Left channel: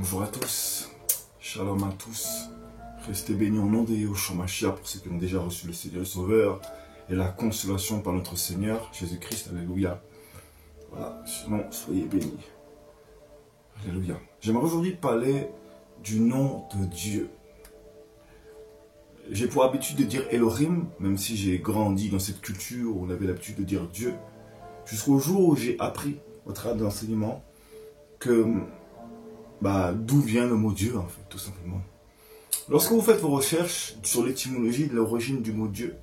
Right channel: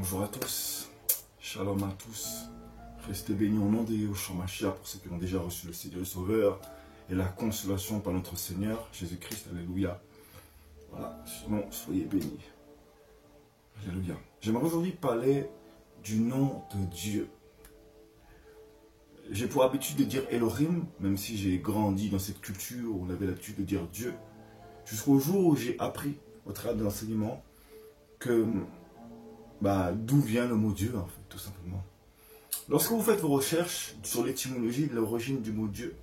Bonjour à tous, shalom à tous, restez bénis au nom de Yahushua Mashiach pour ceux qui ont déjà reçu le Seigneur Sauveur et la consolation par notre Seigneur Jésus-Christ, alléluia. Voilà, sinon soyez bénis, alléluia. J'aimerais aujourd'hui parler du nom de Dieu. J'ai pour habitude de dire Elohim, même si j'ai grandi dans cette culture où on avait l'habitude de dire Dieu, jusqu'au jour où j'ai appris au travers de l'enseignement que d'où vient le mot Dieu, en fait, tout simplement. Lorsque vous faites vos recherches sur l'étymologie de l'origine du mot Dieu,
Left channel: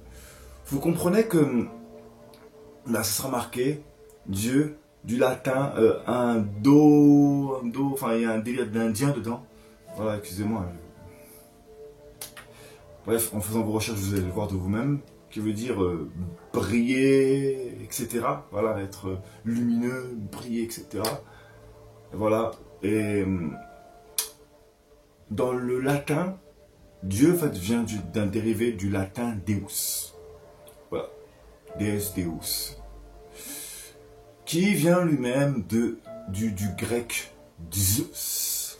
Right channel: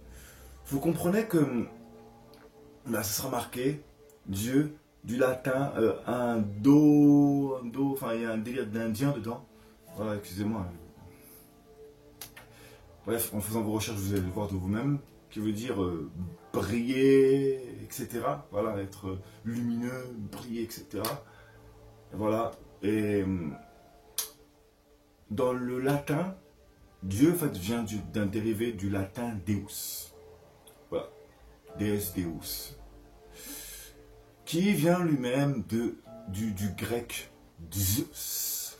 vous comprenez que là, ce sera marqué Dieu, du latin, enfin, il y a un délire d'indien dedans. Voilà, excusez-moi. Bref, en faisant vos recherches, vous allez voir de vous-même, qui veut dire briller, etc. Voilà, être lumineux, briller, etc. Voilà. Et dans le latin, Dieu en fait, vient d'un dérivé du latin Deus. Voilà. Deus, Deus. Qui vient lui-même du grec Zeus.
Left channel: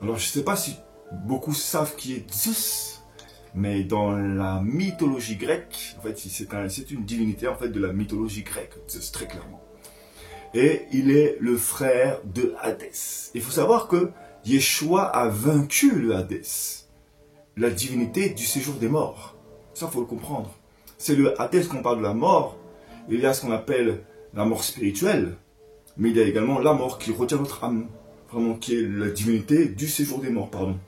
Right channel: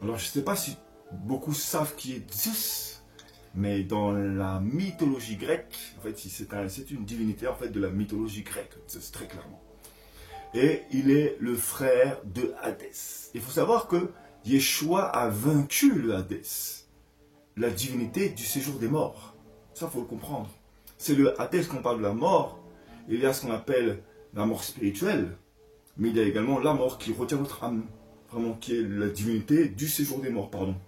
Alors je ne sais pas si beaucoup savent qui est Zeus, mais dans la mythologie grecque, en fait, c'est une divinité en fait, de la mythologie grecque, Zeus, très clairement. Et il est le frère de Hadès. Il faut savoir que Yeshua a vaincu le Hadès, la divinité du séjour des morts. Ça, il faut le comprendre. C'est le Hadès qu'on parle de la mort. Il y a ce qu'on appelle la mort spirituelle, mais il y a également la mort qui retient notre âme, vraiment qui est la divinité du séjour des morts, pardon.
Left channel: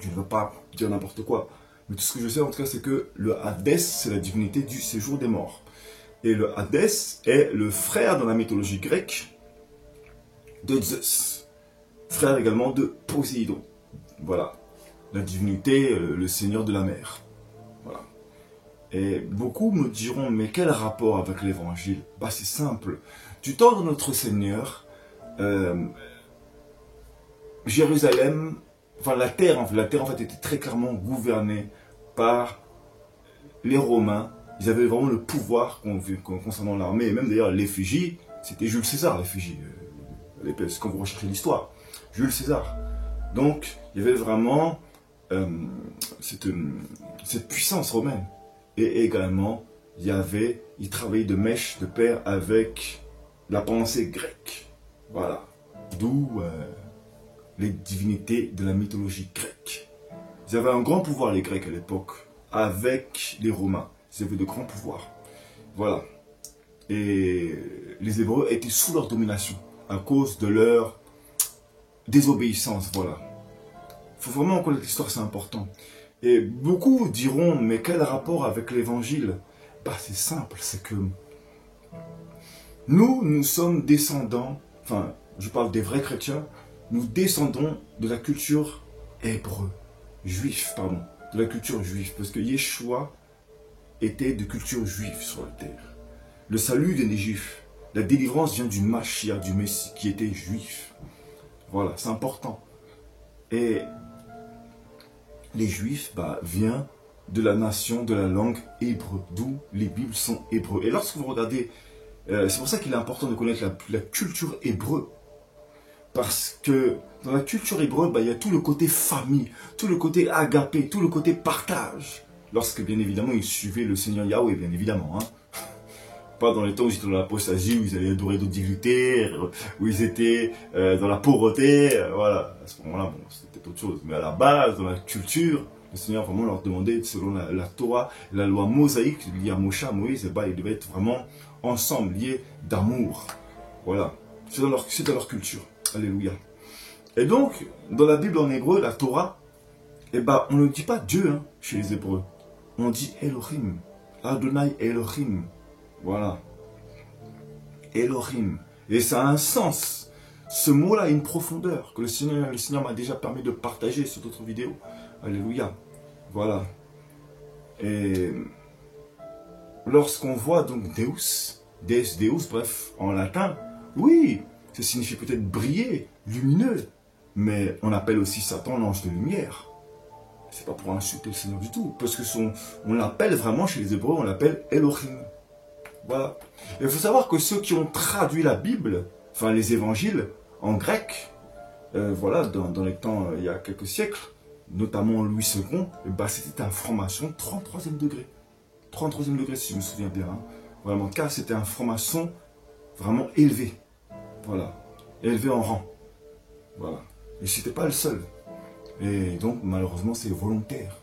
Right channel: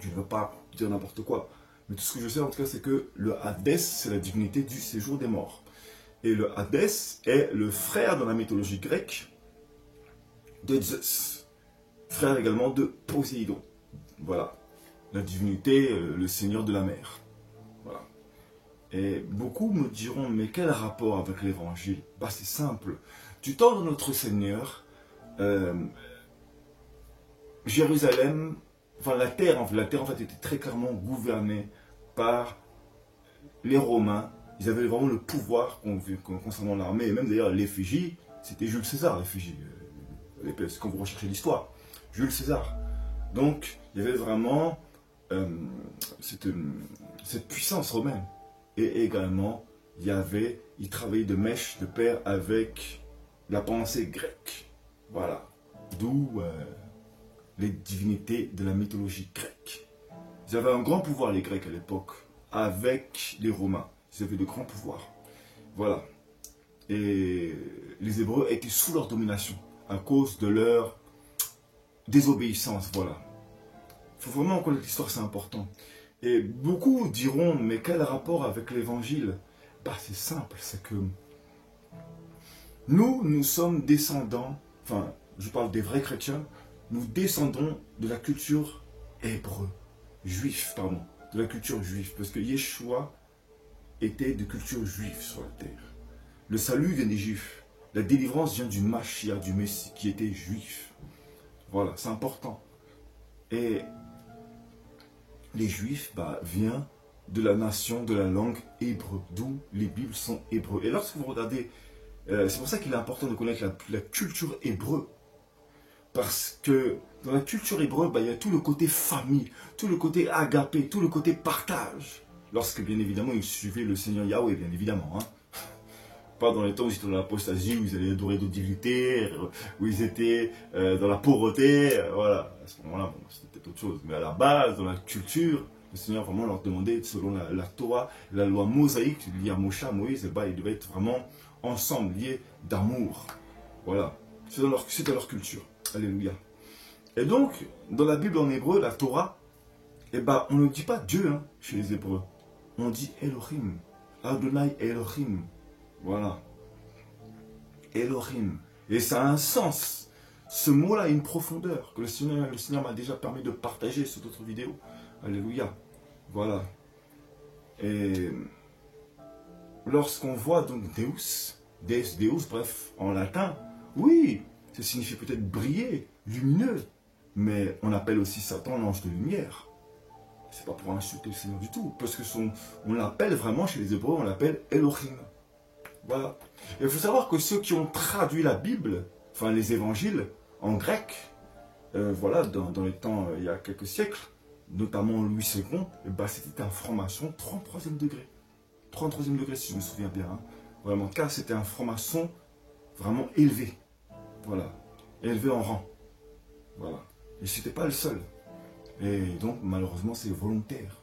Je ne veux pas dire n'importe quoi, mais tout ce que je sais en tout cas, c'est que le Hadès, c'est la divinité du séjour des morts. Et le Hadès est le frère dans la mythologie grecque de Zeus. Frère également de Poséidon. Voilà. La divinité, le seigneur de la mer. Voilà. Et beaucoup me diront, mais quel rapport avec l'évangile? C'est simple. Du temps de notre Seigneur, Jérusalem, enfin la terre en fait était très clairement gouvernée par les Romains. Ils avaient vraiment le pouvoir concernant l'armée, et même d'ailleurs l'effigie, c'était Jules César, l'effigie, quand vous recherchez l'histoire, Jules César. Donc, il y avait vraiment cette puissance romaine. Et également, il travaillait de mèche de pair avec la pensée grecque. Voilà. D'où les divinités de la mythologie grecque. Ils avaient un grand pouvoir, les Grecs, à l'époque, avec les Romains. Ils avaient de grands pouvoirs. Voilà. Et les Hébreux étaient sous leur domination à cause de leur désobéissance. Voilà. Il faut vraiment connaître l'histoire, c'est important. Et beaucoup diront, mais quel rapport avec l'évangile? C'est simple, c'est que nous sommes descendants, enfin, je parle des vrais chrétiens, nous descendons de la culture de la culture juive, parce que Yeshua était de culture juive sur la terre. Le salut vient des Juifs. La délivrance vient du Mashiach, du Messie, qui était juif. Voilà, c'est important. Et les Juifs viennent de la nation, de la langue hébreu, d'où les Bibles sont hébreux. Et lorsque vous regardez, c'est pour ça qu'il est important de connaître la culture hébreu. Parce que dans la culture hébreu, il y a tout le côté famille, tout le côté agapé, tout le côté partage. Lorsque, bien évidemment, ils suivaient le Seigneur Yahweh, bien évidemment. Pas dans les temps où ils étaient dans l'apostasie, où ils allaient adorer d'autres divinités, où ils étaient dans la pauvreté. Voilà, à ce moment-là, c'était autre chose. Mais à la base, dans la culture, le Seigneur vraiment leur demandait, selon la Torah, la loi mosaïque liée à Moshe, Moïse, ils devaient être vraiment ensemble, liés d'amour. Voilà, c'est dans leur culture. Alléluia. Et donc, dans la Bible en hébreu, la Torah, on ne dit pas Dieu chez les Hébreux. On dit Elohim. Adonai Elohim. Voilà. Elohim. Et ça a un sens. Ce mot-là a une profondeur que le Seigneur m'a déjà permis de partager sur d'autres vidéos. Alléluia. Voilà. Et lorsqu'on voit donc Deus, bref, en latin, oui, ça signifie peut-être briller, lumineux. Mais on appelle aussi Satan l'ange de lumière. C'est pas pour insulter le Seigneur du tout. Parce que on l'appelle vraiment chez les Hébreux, on l'appelle Elohim. Voilà. Et il faut savoir que ceux qui ont traduit la Bible, enfin les évangiles, en grec, voilà, dans les temps, il y a quelques siècles, notamment Louis II, c'était un franc-maçon 33e degré. 33e degré, si je me souviens bien. Hein. Vraiment, car c'était un franc-maçon vraiment élevé. Voilà. Élevé en rang. Voilà. Et c'était pas le seul. Et donc, malheureusement, c'est volontaire.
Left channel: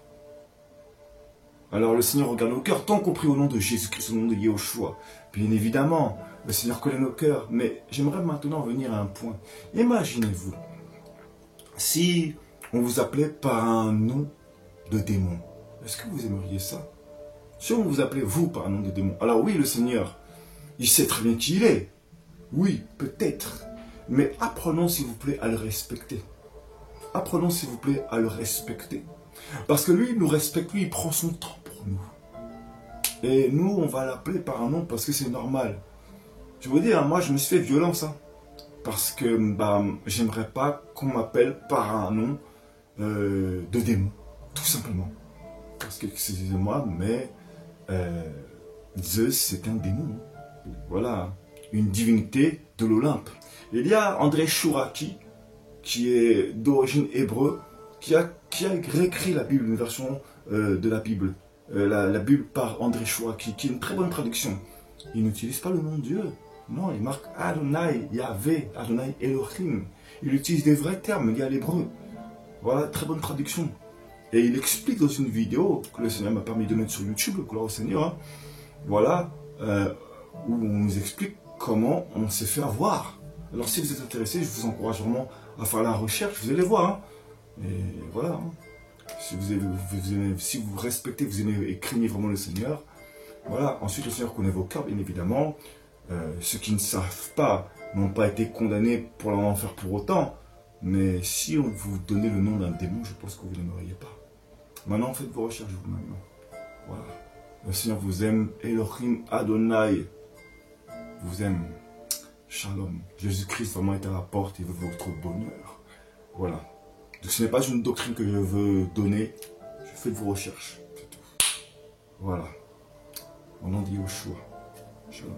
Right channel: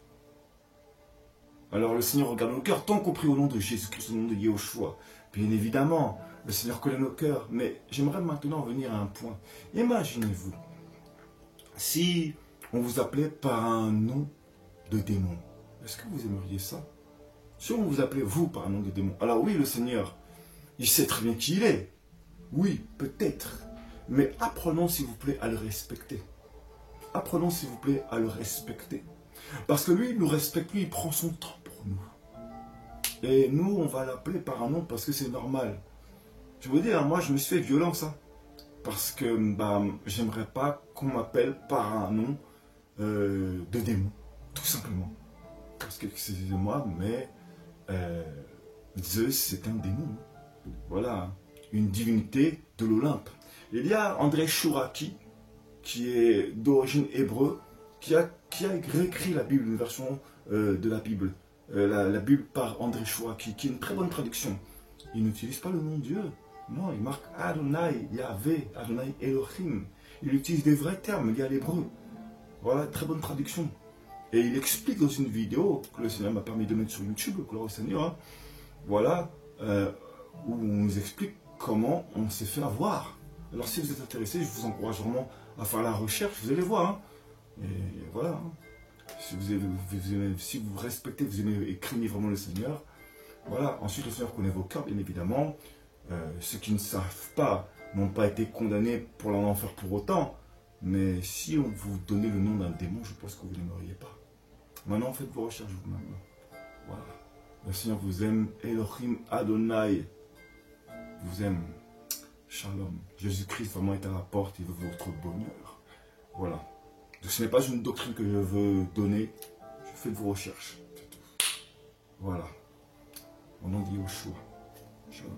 Alors, le Seigneur regarde nos cœurs, tant compris au nom de Jésus-Christ, au nom de Yahushua. Bien évidemment, le Seigneur connaît nos cœurs. Mais j'aimerais maintenant venir à un point. Imaginez-vous, si on vous appelait par un nom de démon, est-ce que vous aimeriez ça? Si on vous appelait vous par un nom de démon, alors oui, le Seigneur, il sait très bien qui il est. Oui, peut-être. Mais apprenons, s'il vous plaît, à le respecter. Apprenons, s'il vous plaît, à le respecter. Parce que lui, il nous respecte, lui, il prend son temps pour nous. Et nous, on va l'appeler par un nom parce que c'est normal. Je veux dire, moi, je me suis fait violence. Hein, parce que j'aimerais pas qu'on m'appelle par un nom de démon. Tout simplement. Parce que, excusez-moi, mais Zeus, c'est un démon. Voilà, une divinité de l'Olympe. Il y a André Chouraki, qui est d'origine hébreu, qui a réécrit la Bible, une version de la Bible. La Bible par André Chouraki, qui est une très bonne traduction. Il n'utilise pas le nom de Dieu. Non, il marque Adonai, Yahvé, Adonai Elohim. Il utilise des vrais termes liés à l'hébreu. Voilà, très bonne traduction. Et il explique dans une vidéo que le Seigneur m'a permis de mettre sur YouTube, gloire au Seigneur. Hein, voilà, où on nous explique comment on s'est fait avoir. Alors si vous êtes intéressé, je vous encourage vraiment à faire la recherche, vous allez voir. Hein. Et voilà. Hein. Si vous respectez, vous aimez et craignez vraiment le Seigneur. Voilà. Ensuite, le Seigneur connaît vos cœurs, bien évidemment. Ceux qui ne savent pas n'ont pas été condamnés pour l'enfer pour autant. Mais si on vous donnait le nom d'un démon, je pense que vous n'aimeriez pas. Maintenant, faites vos recherches vous-même. Voilà. Le Seigneur vous aime. Elohim Adonai vous aime. Shalom. Jésus-Christ vraiment est à la porte et veut votre bonheur. Voilà. Donc ce n'est pas une doctrine que je veux donner. Faites vos recherches. C'est tout. Voilà. Au nom de Yahushua. Shalom.